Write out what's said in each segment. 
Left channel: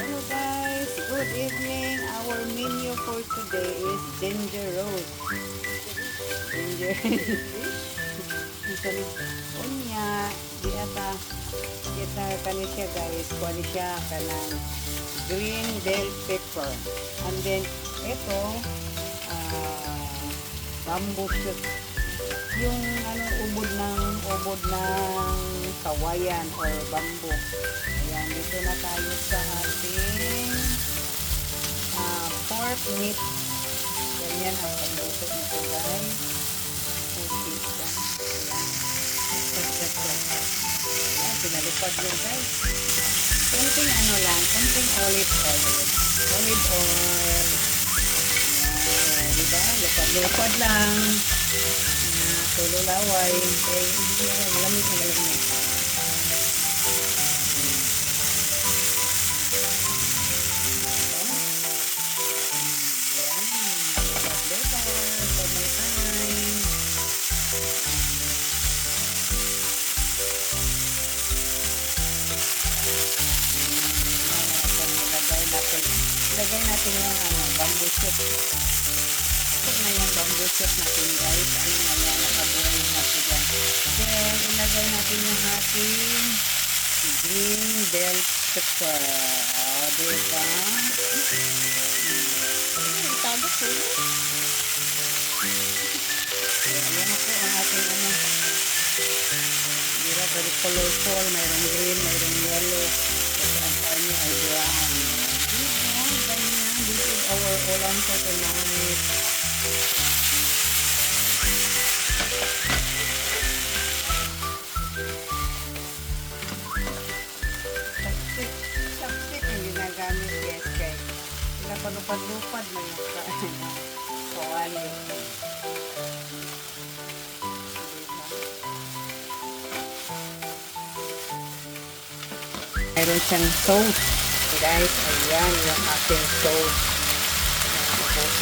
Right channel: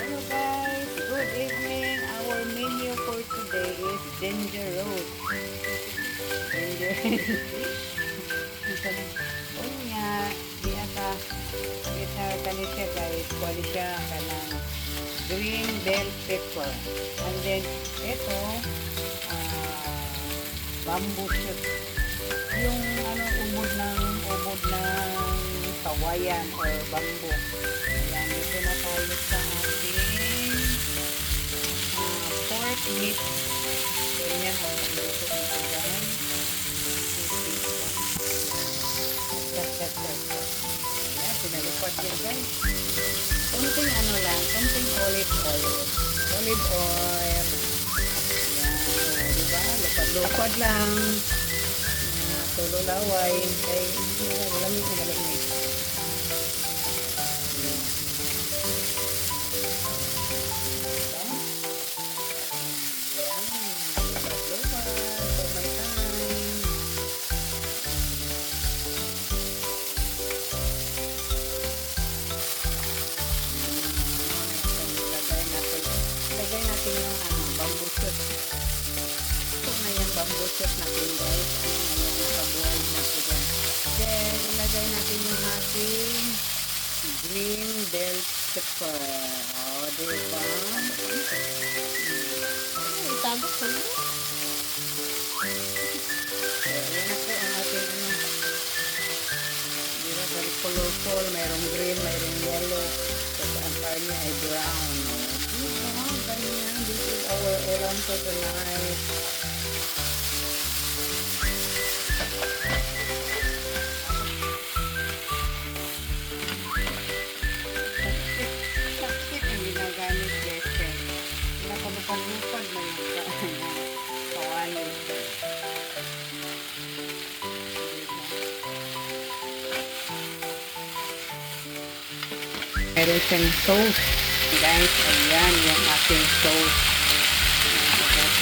Hello guys, good evening. Our menu for today is ginger roast. Ginger unya di ata kita kani siya guys, kuani siya kanang green bell pepper. And then ito bamboo shoot. Yung ubod ng kawayan or bamboo. Ayan, dito na tayo sa ating pork meat. Ganyan ang pagluto nito guys. Pupisa. Ayan, pinalupad yun guys. Kunting olive oil. Olive oil. Ayan, diba? Lupad-lupad lang. Tulo laway. Kaya malamig na malamig. Ilagay natin yung bamboo shoot. Ito na yung bamboo shoot natin guys. Na yan, nakabuhay na ito dyan. Then, ilagay natin yung ating green bell pepper. O, diba? Itado ko yun. So, ayan na po ang ating diba, very colorful. Mayroong green, mayroong yellow. Kasi ang karne ay brown. Ganyan. This is our ulam for tonight. Chopstick ang ginagamit guys kay pinapalupad-lupad na yung kawali. Mayroon siyang sauce. Guys, ayan yung ating sauce.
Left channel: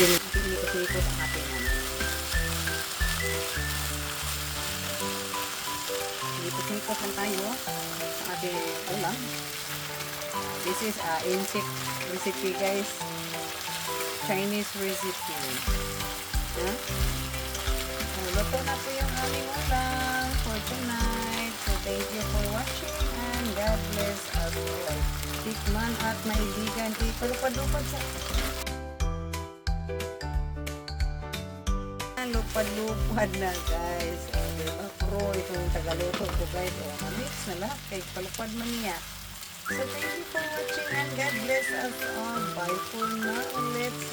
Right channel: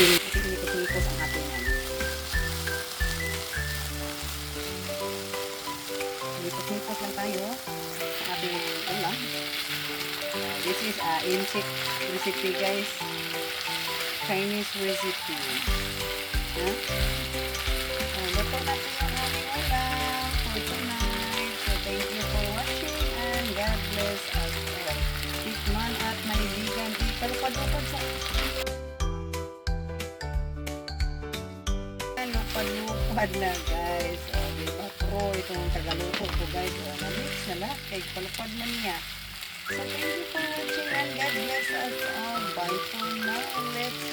Ikot-ikot ang ating ikot-ikot lang tayo ang ating ulam. This is insect recipe guys. Chinese recipe. Luto na po yung aming ulam for tonight. So thank you for watching and God bless us all. Tikman at maibigan. Palupad-lupad sa lupad na guys. O, diba? Pro itong tagaluto ko guys. O, na-mix na lahat. Kaya palupad man niya. So thank you for watching and God bless us all. Bye for now. Let's